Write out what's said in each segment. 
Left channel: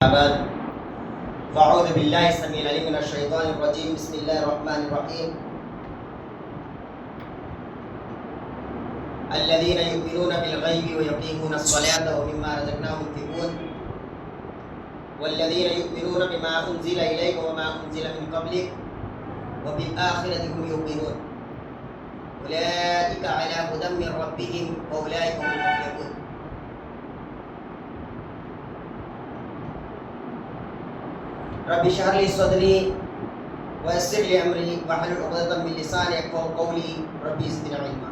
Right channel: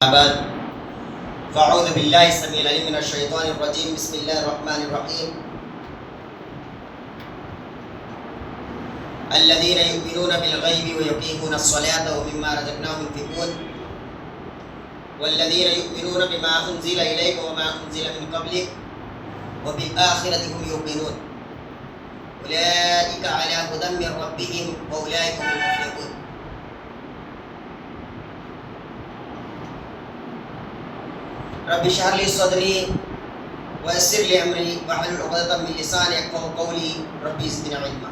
بعد فأعوذ بالله السميع العليم من الشيطان الرجيم. بسم الله الرحمن الرحيم. الذين يؤمنون بالغيب ويقيمون الصلاة ومما رزقناهم ينفقون والذين يؤمنون بما أنزل إليك وما أنزل من قبلك وبالآخرة هم يؤمنون أولئك على هدى من ربهم وأولئك هم المفلحون. رب اشرح لي صدري ويسر لي امري واحلل عقدة من لساني يفقهوا قولي ربي زدني علما.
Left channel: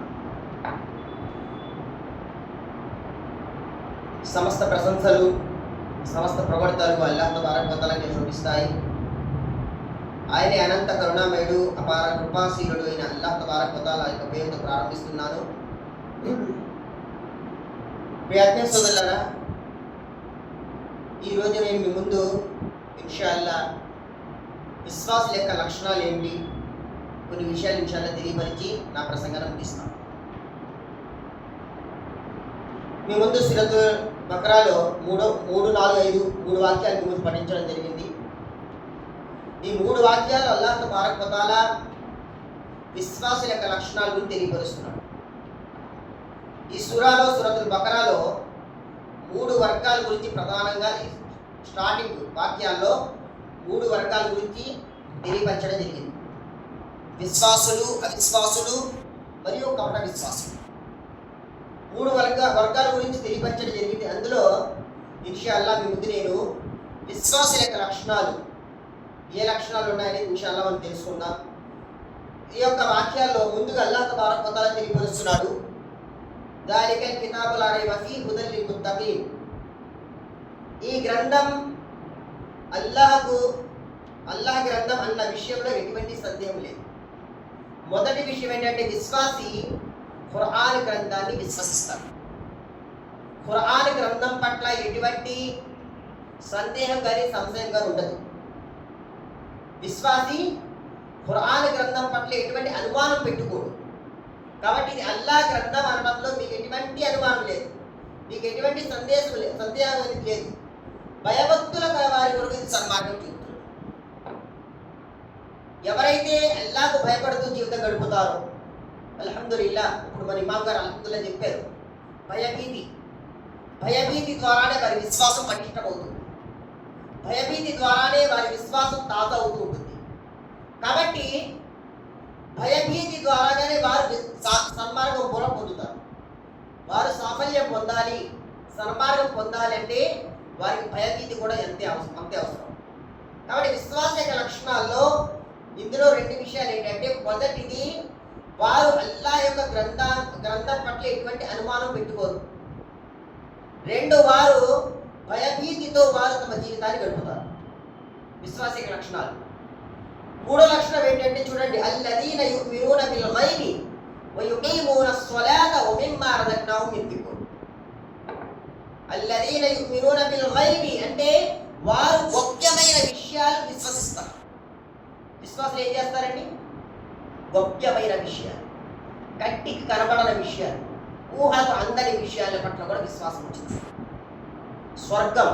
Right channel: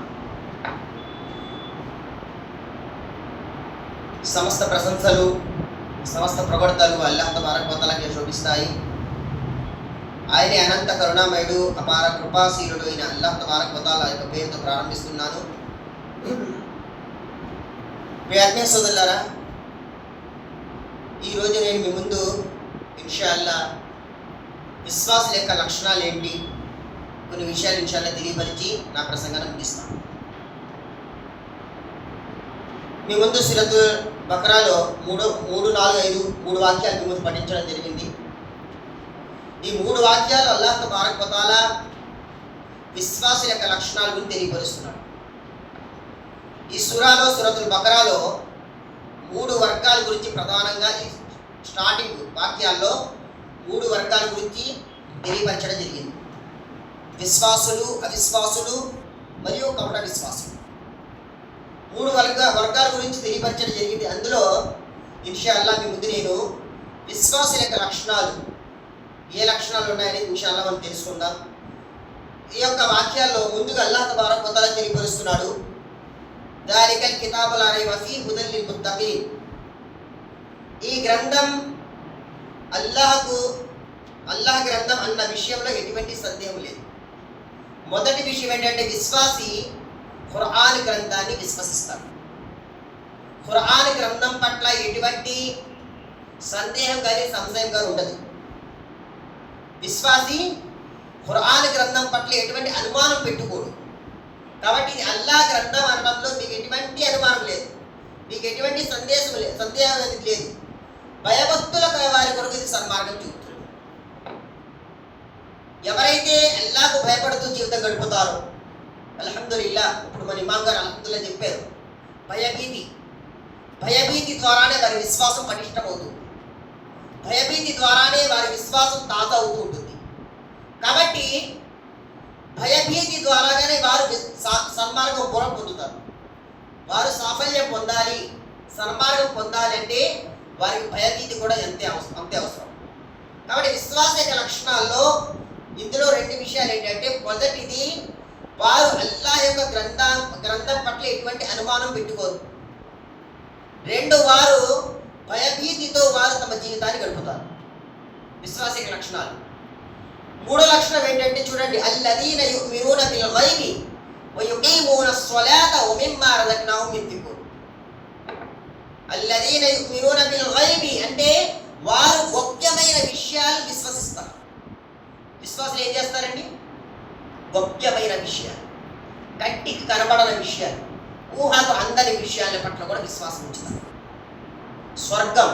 సమస్త ప్రశంసలు సమస్త ప్రవర్తనలు అల్లాహ్ తబారక్ వ తఆలాకే శోభిస్తాయి. ఆయనే అనంత కరుణామయుడు అపార కృపాశీలుడు అయిన అల్లాహ్ తబారక్ వ తఆలా యొక్క పేరుతో ప్రారంభిస్తున్నాను. ఆత్మీయ సోదరులారా, ఈరోజు నేను మీ ముందు ఇన్షాల్లా విశ్వాసుల యొక్క లక్షణాలు ఏంటి, కొన్ని విషయాలు ఇన్షాల్లా తెలియపరిచి నా ప్రసంగాన్ని ముగిస్తాను. మీ ముందు సూరత్ బకరాలో 3, 4, 5 వాక్యాలు మీ ముందు పఠించడం జరిగింది. ఈ 3 వాక్యాలు అల్లాహ్ తబారక్ వ తఆలా విశ్వాసుల యొక్క లక్షణాల గురించి తెలియపరుస్తున్నాడు. ఈ సూరతుల్ బకరాలో 3 వర్గాల గురించి ప్రధానంగా స్టార్టింగ్ వాక్యాల్లో 3 వర్గాల గురించి తెలియపరచడం జరిగింది. విశ్వాసులు, అవిశ్వాసులు మరియు కపట విశ్వాసులు. 3 వర్గాల గురించి తెలియపరచడం జరిగింది. అందులో ఇన్షాల్లా మీ ముందు నేను విశ్వాసుల యొక్క లక్షణాలు, ఏ లక్షణాలు ఉన్నాయని ఇన్షాల్లా మనం తెలుసుకుందాం. ఈ యొక్క వాక్యాల్లో ముందుగా అల్లాహ్ తబారక్ వ తఆలా తెలియపరుస్తున్నాడు, దాలికల్ కితాబుల్ లా రైబ ఫీహి హుదల్ లిల్ ముత్తఖీన్. ఈ గ్రంథం అల్లాహ్ గ్రంథం అన్న విషయంలో ఎటువంటి సందేహం లేదు. మొదటి విషయం ఏంటంటే, విశ్వాసి ఖురాన్ గ్రంథాన్ని విశ్వసిస్తాడు. ఖురాన్ గ్రంథం పట్ల ఎటువంటి సందేహం కానీ సంశయం కానీ ఉండదు. విశ్వాసి ఖురాన్ గ్రంథం పట్ల ఎటువంటి అనుమానం పెట్టుకోడు. కాబట్టి ఇది అల్లాహ్ గ్రంథం అనడంలో మీకు ఎటువంటి అనుమానం లేదు, మీకు ఎటువంటి సందేహం అనేది లేదు. భయభక్తులకు వారి కొరకు ఇది సన్మార్గం చూపుతుంది. ఎవరైతే అల్లాహ్కు భయపడుతూ జీవితం గడుపుతారో, అల్హమ్దులిల్లా, ఇప్పుడు మన ఇమాం గారు అల్హమ్దుల్లా చెప్పారు, భయభీతి ద్వారానే వారి విశ్వాసం పటిష్టమవుతుంది, భయభీతి ద్వారానే వారి విశ్వాసం తాత అవుతూ ఉంటుంది. కాబట్టి భయభీతి ద్వారాగానే వారు సన్మార్గం పొందుతారు. వారు సాఫల్యం పొందాలి, సన్మార్గం పొందాలి అంటే వారికి భయభీతి కూడా అంతే అవసరం. కాబట్టి విశ్వాస యొక్క లక్షణాల్లో ఇందులో 2 విషయాలు ఏంటంటే, మొదటిది వారు అల్లాహ్ యొక్క గ్రంథం పట్ల ఎటువంటి అనుమానం పెట్టుకోరు. 2, వారు భయభీతితో వారు తమ జీవితాన్ని గడుపుతారు. విశ్వాస యొక్క లక్షణాలు. 3వ లక్షణం ఏంటంటే చూడండి, అల్లదీన యుమినూన బిల్ గైబి వ యుకీమూన స్సలాత వ మిమ్మా రజక్నాహుం యున్ఫికూన్. అల్లదీన యుమినూన బిల్ గైబి అంటే వారు గోప్యమైన విషయాలు విశ్వసిస్తారు. విశ్వాసులు ఏం చేస్తారండి? గోప్యమైన విషయాలు, కంటికి కనబడని విషయాలు, ఊహకు అందని విషయాల పట్ల కూడా విశ్వాసం ఉంచుతారు. స్వర్గం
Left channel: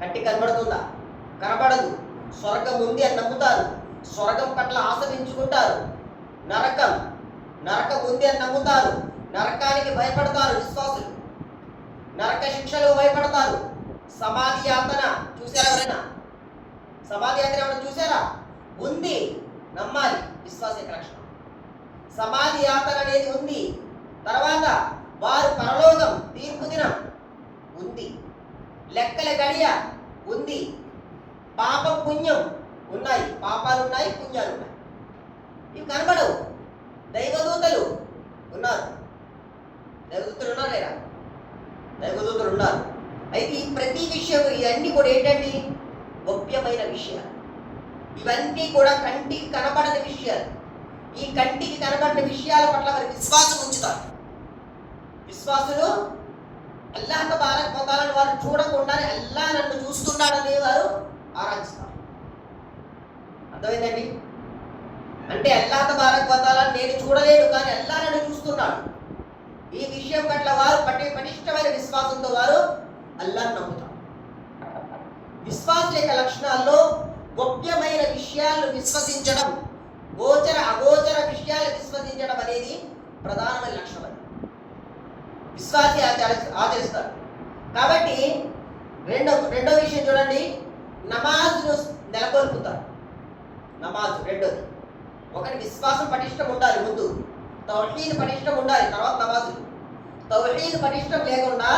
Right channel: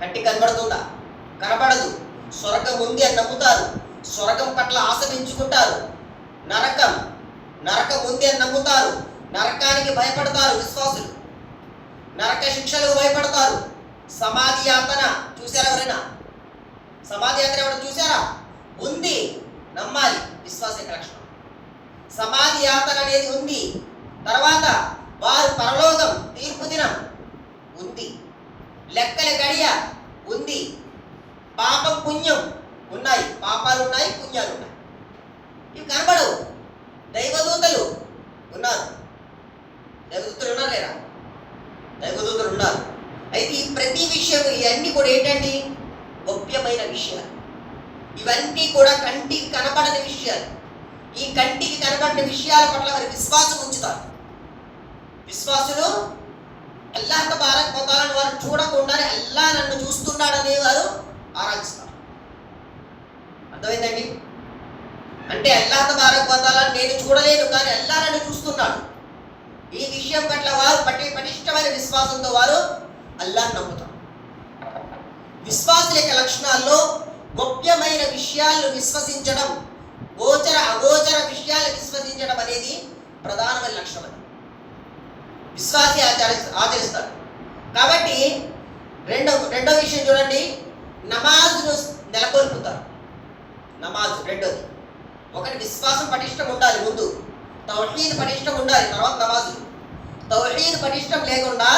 కంటికి కనబడుతుందా? కనబడదు. స్వర్గం ఉంది అని నమ్ముతారు, స్వర్గం పట్ల ఆశ పెంచుకుంటారు. నరకం ఉంది అని నమ్ముతారు, నరకానికి భయపడతారు విశ్వాసులు. నరక శిక్షలకు భయపడతారు. సమాధి యాతన చూసారా? ఎవరైనా సమాధి యాత్ర ఎవరైనా చూసారా? ఉంది, నమ్మాలి. విశ్వాస లక్షణం. సమాధి యాతన అనేది ఉంది. తర్వాత వారు పరలోకం, తీర్పు దినం ఉంది. లెక్కల గడియ ఉంది. పాపం పుణ్యం ఉన్నాయి, పాపాలు ఉన్నాయి, పుణ్యాలు ఉన్నాయి. ఇవి కనబడవు. దైవదూతలు ఉన్నారు. దైవదూతలు ఉన్నారా? దైవదూతలు ఉన్నారు. అయితే ఈ ప్రతి విషయం, ఇవన్నీ కూడా ఏంటండి? గోప్యమైన విషయాలు. ఇవన్నీ కూడా కంటికి కనబడని విషయాలు. ఈ కంటికి కనబడిన విషయాల పట్ల మరి విశ్వాసం ఉంచుతారు. విశ్వాసులు అల్లాహ్ తబారక్ వ తఆలా వారు చూడకుండానే అల్లాహ్ నన్ను చూస్తున్నాడనే వారు ఆరాధిస్తారు. అర్థమైందండి? అంటే అల్లాహ్ తబారక్ వ తఆలా నేను చూడలేను, కానీ అల్లాహ్ నన్ను చూస్తున్నాడు. ఈ విషయం పట్ల వారు పటిష్టమైన విశ్వాసంతో వారు అల్లాహ్ నమ్ముతారు. విశ్వాసుల యొక్క లక్షణాల్లో గోప్యమైన విషయాలను విశ్వసించడం, గోచర అగోచర విషయాలు విశ్వసించడం అనేది ప్రధానమైన లక్షణం. విశ్వాసి ఆచరిస్తాడు. కాబట్టి రెండో విషయం చూడండి, నమాజును నెలకొల్పుతారు. నమాజు రెండోది. ఒకటి విశ్వాసం పటిష్టం ఉండాలి, ముందు తౌహీద్ పటిష్టం ఉండాలి, తర్వాత నమాజు. తౌహీద్ పటిష్టం లేకుండా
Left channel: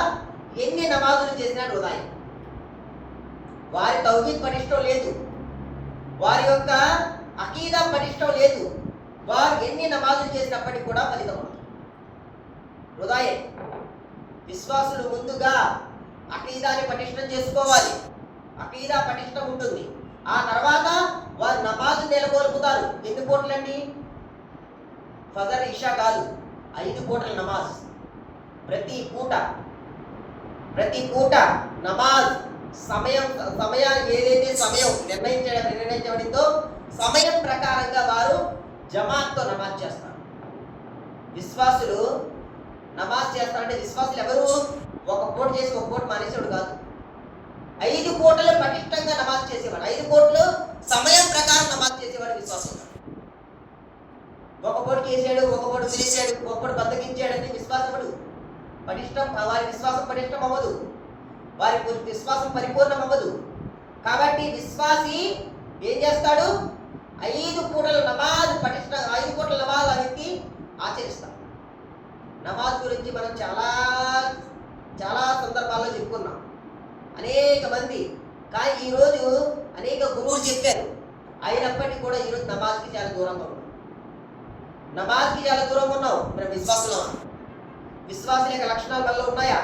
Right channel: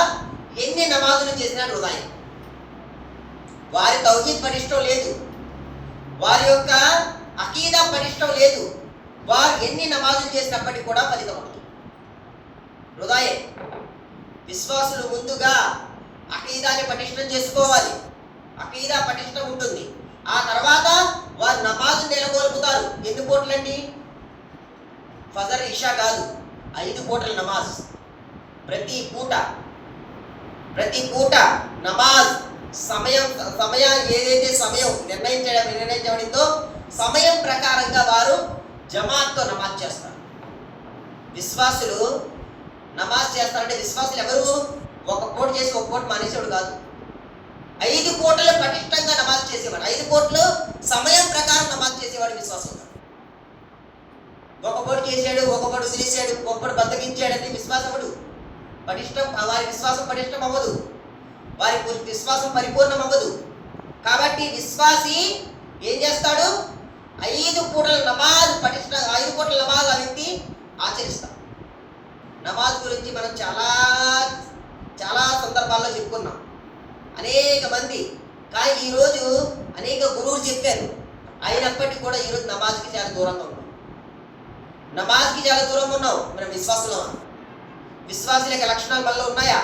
ఎన్ని నమాజులు చేసినా వృధాయే. వారి తౌహీద్ పటిష్టం లేదు, వారి యొక్క అకీదా పటిష్టం లేదు, వారు ఎన్ని నమాజులు చేసినప్పటికీ కూడా ఫలితం ఉంటుంది, వృధాయే. విశ్వాసులు ముందుగా అకీదాని పటిష్టం చేసుకోవాలి. అకీదా పటిష్టం ఉంటుంది. ఆ తర్వాత వారు నమాజు నెలకొల్పుతారు. ఎన్ని పూటలండి? ఫజర్ ఇషా కాదు, 5 పూటల నమాజ్. ప్రతి పూట నమాజ్ సమయం ఏదైతే సమయం నిర్ణయించబడిందో సమయం ప్రకారంగా వారు జమాత్తో నమాజ్ చేస్తారు. విశ్వాసులు నమాజ్ చేస్తారంటే విశ్వాసులు ఎవరు ఒక పూట చేసి ఒక పూట మానేసేవాడు కాదు. 5 పూటలు పటిష్టంగా నమాజ్ చేసేవాడు. 5 పూటలు సమయం ప్రకారం నమాజ్ చేసేవాడు విశ్వాసం. ఒక పూట చేసాడు, ఒక పూట వదిలేసాడు, ఒక పూట బద్దకించాడంటే విశ్వాసముడు పటిష్టం. వారి విశ్వాసం పటిష్టం అవ్వదు, వారి విశ్వాసం పరిపూర్ణం అవ్వదు. కాబట్టి విశ్వాసి ఏం చేస్తాడు? 5 పూటల నమాజ్ పటిష్టం, 5 పూటల నమాజ్ ఆ వ్యక్తి ఆచరిస్తాడు. నమాజ్ గురించి మనం చాలా సందర్భాల్లో చెప్పుకున్నాం, అనేక మంది. కానీ ఈరోజు అనేక గురువులు చెప్పారు, అయినప్పటికీ కూడా ఈరోజు నమాజ్కి చాలా దూరంగా ఉన్నాం. నమాజ్కి చాలా దూరంగా ఉన్నాం. మనం విశ్వాసుల యొక్క లక్షణాలు మనలో ఉన్నాయా?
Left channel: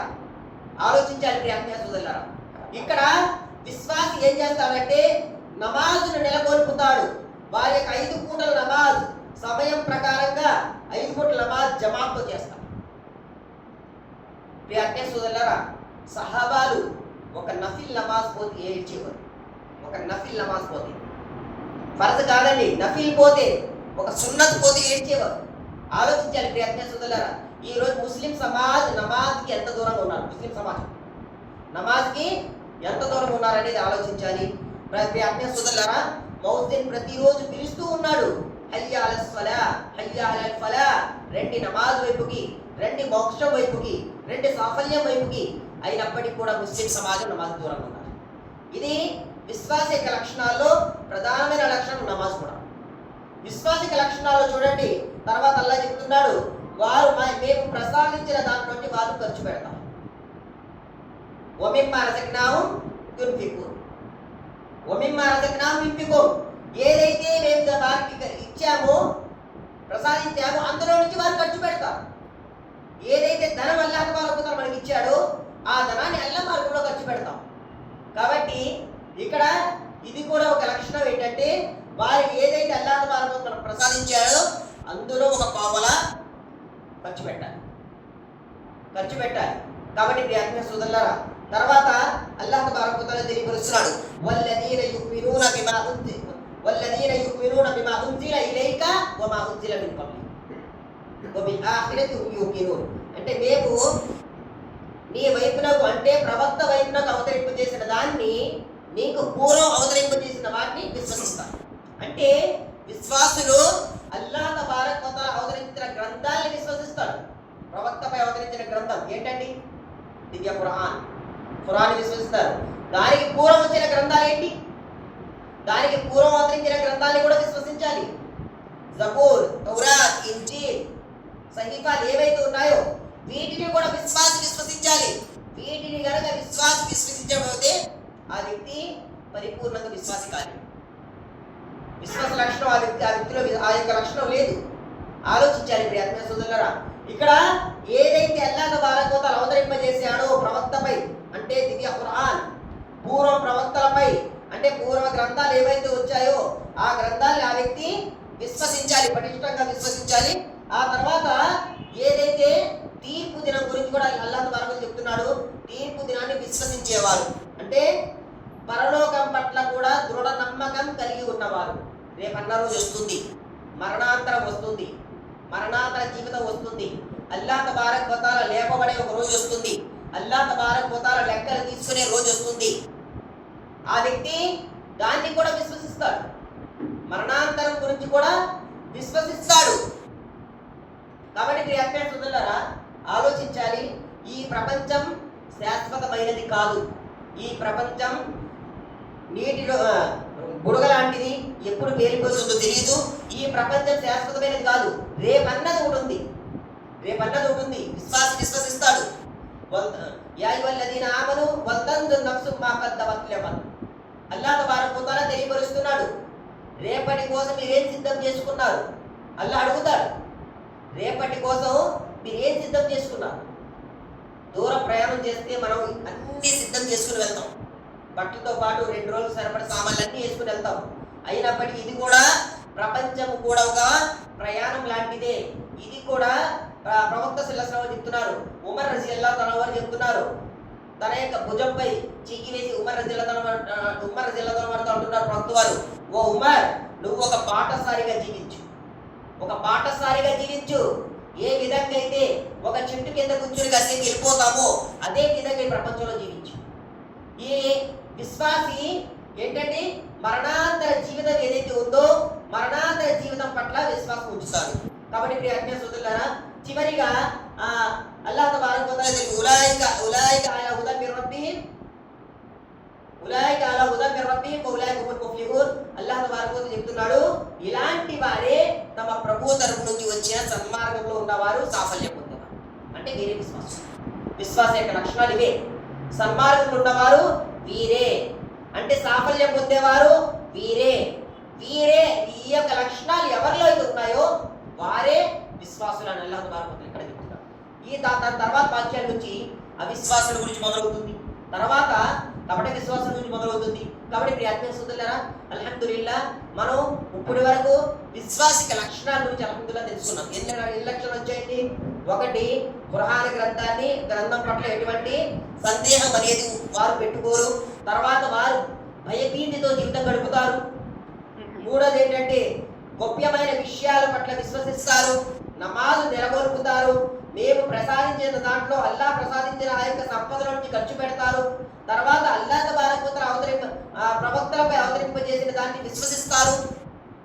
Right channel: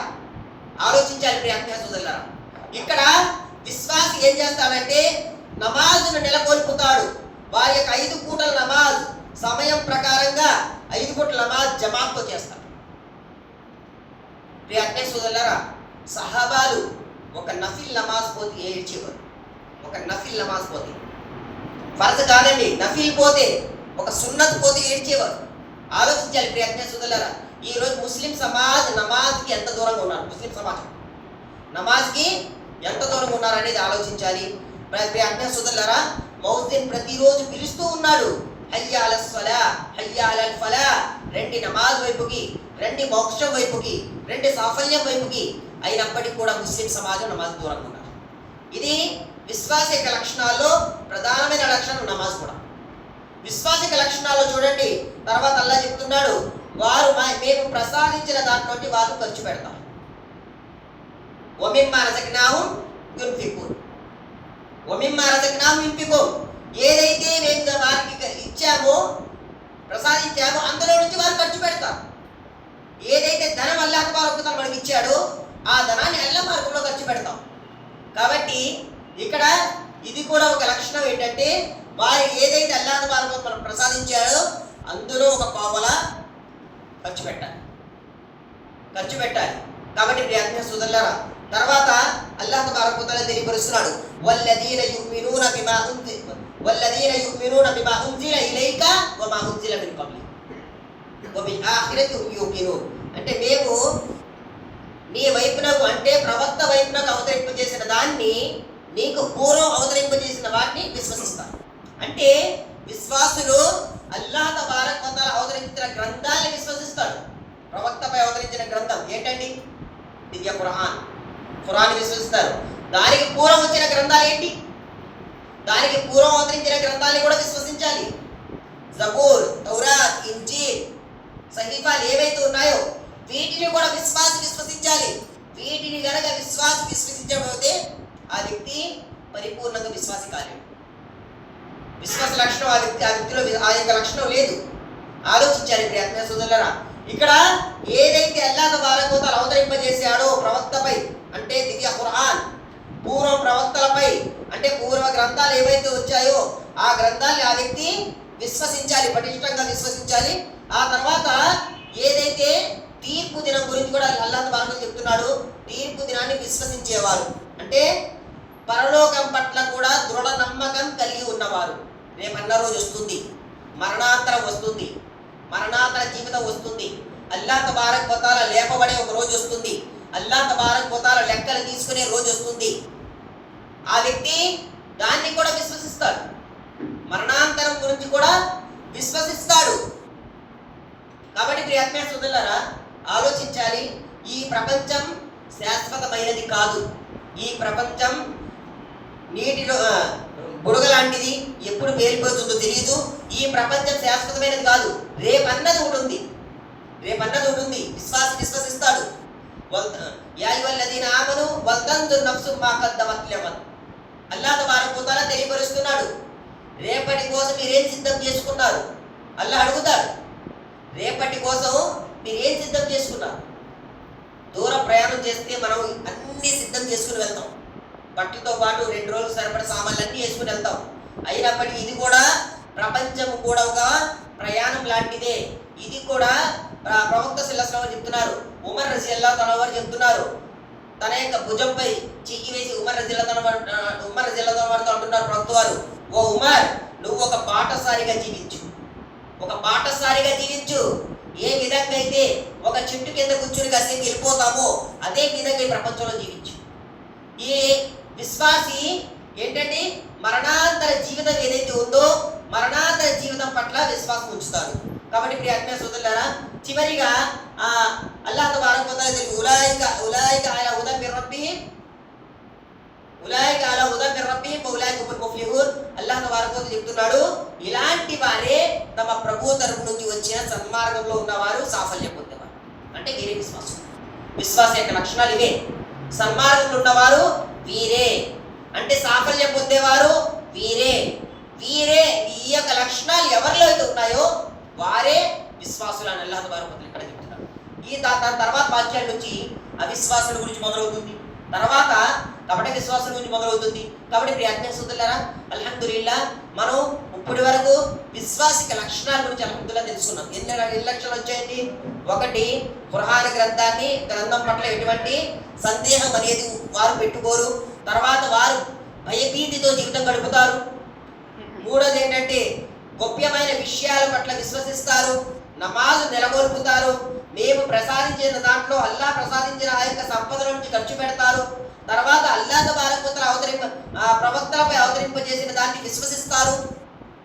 ఆలోచించాలి ప్రియమైన సోదరులారా. ఇక్కడ విశ్వాసి ఏం చేస్తాడంటే నమాజ్ను నెలకొల్పుతాడు. వారి యొక్క 5 పూటల నమాజ్ సమయం ప్రకారంగా 5 పూటల నమాజ్ జమాత్తో చేస్తాడు. ప్రియమైన సోదరులారా, సహాబాలు ఒక నఫిల్ నమాజ్ పోతే ఏడ్చేవారు. ఒక నఫిల్ నమాజ్ పోతే, ఫర్జ్ కాదండి, నఫిల్ పోతే, ఒక సున్నత్ పోతే ఏడ్చేవారు. ఆలోచించాలి ప్రియమైన సోదరులారా. ఈరోజు ముస్లిం సమాజ్ నమాజ్కి ఎంత దూరంగా ఉన్నారు? ముస్లిం సమాజం నమాజ్కి ఎంత దూరంగా ఉన్నారనేది ఆలోచించాలి ప్రియమైన సోదరులారా. మౌజ్జిన్ ప్రతిరోజు పిలుస్తూ ఉన్నాడు, హయ్య అలస్ సలా, హయ్య అలల్ ఫలా, రండి నమాజ్ వైపుకి, రండి మోక్షం వైపుకి, రండి సాఫల్యం వైపుకి. అయినప్పటికీ కూడా ముస్లిం సమాజం నమాజ్ దూరంగా ఉన్నారు. ఇది విశ్వాస యొక్క లక్షణాల్లో ప్రధానమైన లక్షణం నమాజ్ కూడా. విశ్వాసిక లక్షణాలు చూడండి, తర్వాత అల్లా చెప్తున్నాడు, వారు మేము ప్రసాదించిన దాంట్లో వారు ఖర్చు పెడతారు. వమిమ్మా రజక్నాహుం యున్ఫికూన్, వమిమ్మా రజక్నాహుం యున్ఫికూన్. ఏదైతే మేము వారికి ఇచ్చామో, ప్రసాదించామో అందులో నుంచి వారు ఖర్చు పెడతారు. ఏదైతే ధనం అల్లాహ్ తబారక మనకి ఇచ్చాడో ఆ ధనాన్ని అల్లాహ్ మార్గంలో ఖర్చు పెడతాం. కాబట్టి ఇక్కడ ఇది కూడా ఒక లక్షణం ఏంటంటే, వారు ఏదైతే అల్లాహ్ తబారక మనకు ప్రసాదించాడో అందులో ఒక పావలా ఖర్చు పెట్టాలి. కాబట్టి ప్రియమైన సోదరులారా, తర్వాత అల్లాహ్ తబారక వ తఆలా తెలియపరుస్తున్నాడు, వల్లదీన యుమినూన బిమా ఉంజిల ఇలైక వమా ఉంజిల మిన్ కబ్లిక్ వబిల్ ఆఖిరతి హుమ్ యూకినూన్. అంటే మేము నీ వైపునకు, అంటే ప్రవక్త వైపునకు అవతరింపజేసిన దాన్ని, నీకు పూర్వం అవతరింపజేసిన వాటిని విశ్వసిస్తారు. అంటే విశ్వాసులు అల్లాహ్ తబారక వ తఆలా అవతరించిన గ్రంథాన్ని విశ్వసిస్తాడు. ప్రవక్తపై అవతరించిన గ్రంథం ఏంటండి? దివ్య ఖురాన్ విశ్వసిస్తారు. దానికి పూర్వం వచ్చిన గ్రంథాలు ఏంటి? దానికి పూర్వం అవతరించిన గ్రంథాన్ని కూడా విశ్వసించాలి. జబూర్, తౌరాత్, ఇంజీల్, సహీఫాలు ఏవైతే ఉన్నాయో వీటిని కూడా విశ్వసించాలి. వీటిని కనుక విశ్వసించకపోతే ఆ వ్యక్తి పరిపూర్ణంగా విశ్వాసి కాదు. విశ్వాస లక్షణం ఆ వ్యక్తిలో ఆ యొక్క లక్షణం లేదు. ఆలోచించాలి ప్రియమైన సోదరులారా. ఇక్కడ ఏదైతే అల్లాహ్ తబారక వ తఆలా అవతరింపజేశాడో ప్రవక్తపై, అంటే దివ్య ఖురాన్, పూర్వ ప్రవక్తలపై, అంటే పూర్వ గ్రంథాలు ఏవైతే వచ్చాయో ఆ గ్రంథాన్ని ఆ వ్యక్తి విశ్వసించాలి, పటిష్టంగా విశ్వసించాలి. ఆ తర్వాత ఏదైతే తీర్పు దినం గురించి కూడా అల్లాహ్ తబారక చెప్తున్నాడు, తీర్పు దినాన్ని విశ్వసించేవారు, అంటే పరలోకం పట్ల కూడా దృఢ నమ్మకం కలిగి ఉన్నవారు. రేపన్న రోజు వస్తుంది, మరణాంతరం వస్తుంది, మరణాంతర జీవితం వస్తుంది, అల్లాహ్ తబారక వ తఆలా లేపబడే ఒక రోజు వస్తుంది, అల్లాహ్ తబారక వ తఆలా లెక్కలు తీసుకునే రోజు వస్తుంది. ఆ వ్యక్తి దాన్ని కూడా విశ్వసిస్తాడు, మరణాంతరం గురించి కూడా విశ్వసిస్తాడు. కాబట్టి ప్రియమైన సోదరులారా, ఆలోచించాలి. ఈ ప్రపంచం శాశ్వతమైనది కాదు. ఈ ప్రపంచం నీటిలో బుడగ లాంటిది, ఎప్పుడు పేలిపోతుందో తెలియదు. ఈ ప్రపంచం శాశ్వతమైనది కాదు. రేపన్నది ఒకటి ఉంది, రేపన్నది ఒకటి ఉంది. విశ్వాసి విశ్వసిస్తాడు. యా అయ్యుహల్లదీన ఆమను వల్తంజుర్ నఫ్సుమ్ మా ఖద్దమత్ లిగద్. అల్లాహ్ తబారక వ తఆలా తెలియపరుస్తున్నాడు, రేపటి కోసం మీరేం సిద్ధం చేసుకున్నారు. అల్లాహ్ అడుగుతాడు, రేపటి కోసం మీరేం సిద్ధం చేసుకున్నారు. దూర ప్రయాణం చేస్తే మనం అన్నీ సిద్ధం చేసుకుని వెళ్తాం. బట్టలతో పాటు 2 రోజులు సరిపడ సామాన్లు అన్నీ వేసుకుని వెళ్తాం. అయినప్పటికీ ఇది కూడా, ప్రపంచం కూడా ఒక ప్రయాణం లాంటిదే. ఇది కూడా ప్రవక్త సల్లల్లాహు అలైహి వసల్లం చెప్తున్నారు. ఉమర్ రజియల్లాహు తఆలా వారు చెప్తున్నారు, తన యొక్క భుజంపై చెయ్యి వేసి ఉమర్ రజియల్లాహు వారితో అంటున్నారు ప్రవక్త వారు, ఓ ఉమర్, నువ్వు ఒక బాటసారిగా జీవించు, ఒక బాటసారిగా జీవించు. ఏ విధంగా అయితే ఒక చెట్టు కింద కూర్చొని కాసేపు వెళ్ళిపోతామో అదే విధంగా ఈ ప్రపంచంలో జీవించు. ఈ విశ్వాసి ఏంటంటే మరణాంతర జీవితం ఏదైతే ఉందో మరణాంతర జీవితం పట్ల విశ్వాసం ఉంచుతాడు. కాబట్టి ప్రియ ఆత్మీయ సోదరులారా, చివరిగా అల్లాహ్ తబారక వ తఆలా ఉలైక అలా హుదా మిర్ రబ్బిహిం ఉలైక హుముల్ ముఫ్లిహూన్. అల్లాహ్ తబారక వ తఆలా చెప్తున్నాడు, ఇలాంటి వారే తమ ప్రభు తరపు నుంచి వచ్చిన సన్మార్గంలో ఉన్నవారు సాఫల్యం పొందేవారు. అంటే వీరే విశ్వాసం యొక్క లక్షణాలు ఇవే. సన్మార్గంలో ఉన్నవారు వీరే, అంటే సాఫల్యం పొందేవారు వీరే. ఈ యొక్క లక్షణాలు ఎవరిలో అయితే ఉన్నాయో వారే విశ్వాసులు అని అల్లాహ్ తబారక వ తఆలా ఇక్కడ చెప్తున్నారు. దాని తర్వాత వాక్యాల నుంచి అవిశ్వాసుల గురించి మొదలవుతుంది, తర్వాత కపట విశ్వాసం గురించి మొదలవుతుంది. కాబట్టి ప్రియ ఆత్మీయ సోదరులారా, అల్హమ్దులిల్లాహ్ మనం ఇప్పటి వరకు విశ్వాసిక లక్షణాల గురించి అల్హమ్దులిల్లాహ్ తెలుసుకున్నాం. ఎన్ని లక్షణాలు వచ్చాయండి? ఒకటి, ఖురాన్ గ్రంథం పట్ల ఎటువంటి సందేహం అనేది వారు పెట్టుకోరు. తర్వాత వారు భయభీతితో జీవితం గడుపుతారు. మూడోది ఏంటంటే గోప్యమైన విషయాల పట్ల విశ్వసిస్తారు, నమాజు నెలకొల్పుతారు. మేము ప్రసాదించిన దాంట్లో అల్లాహ్ ప్రసాదించిన ఆ యొక్క సంపదల నుంచి ఖర్చు పెడతారు. తర్వాత అల్లాహ్ తబారక వ తఆలా ప్రవక్తలపై అవతరింపజేసిన దాన్ని విశ్వసిస్తారు.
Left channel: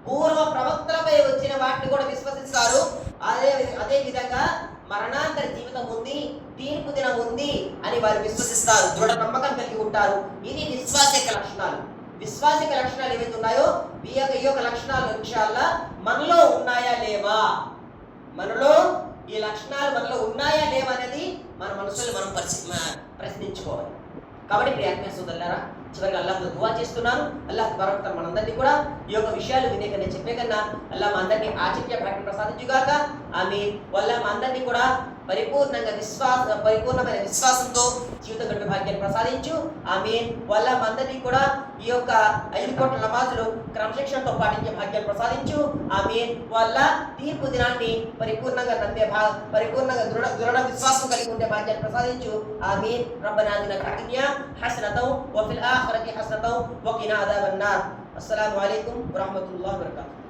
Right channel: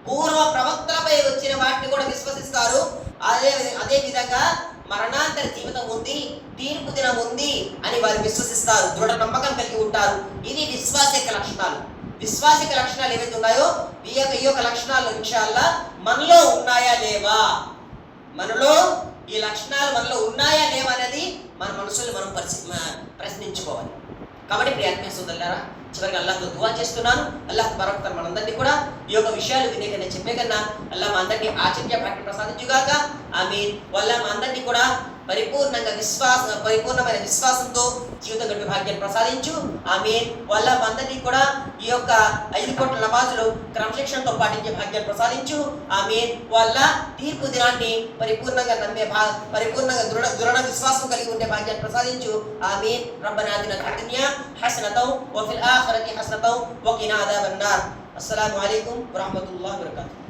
పూర్వ ప్రవక్తలపై వచ్చిన వాటిని కూడా విశ్వసిస్తారు. అదే విధంగా మరణాంతర జీవితం ఉంది, తీర్పు దినం ఉంది అని వారు విశ్వసిస్తారు, దృఢ నమ్మకం కలిగి ఉంటారు. ఇది విశ్వాసిక లక్షణాలు. విశ్వాసిక లక్షణాలు ఏవైతే ఉన్నాయో ఈ యొక్క లక్షణాలు ఇన్షాల్లాహ్ మనలో ఉన్నాయా లేవా, మనలో ఈ లక్షణాలు మనలో ఉన్నాయా లేవా అనేది మన మనసులో మనం ప్రశ్నించుకోవాలి. కాబట్టి ప్రియ ఆత్మీయ సోదరులారా, చివరిగా అల్లాహ్తో దువా చేస్తున్నాను. అల్లాహ్ తబారక వ తఆలా మనందరినీ కూడా ఈ యొక్క విషయాలు వినే కన్నా చెప్పే కన్నా అల్లాహ్ మా అందరినీ ఆచర్య భాగ్యం ప్రసాదించుగాక. ఆమీన్. అల్లాహ్ మా అందరినీ కూడా పరిపూర్ణమైన విశ్వాసంతో జీవితం గడిపే భాగ్యాన్ని ప్రసాదించు. ఆమీన్. అల్లాహ్ మా అందరినీ కూడా ఈ యొక్క 5 పూట్ల నమాజులు క్రమశిక్షణతో పాటించే భాగ్యాన్ని ప్రసాదించు. ఆమీన్. అల్లాహ్ తీర్పు దినాన్ని పరిపూర్ణంగా దృఢ విశ్వాసం కలిగి ఉండే భాగ్యాన్ని ప్రసాదించు. ఆమీన్. రబ్బనా ఆతినా ఫిద్ దున్యా హసనతన్ వ ఫిల్ ఆఖిరతి హసనతన్ వ కినా అదాబన్ నార్. అస్సలాము అలైకుం వ రహ్మతుల్లాహి వ బరకాతుహు.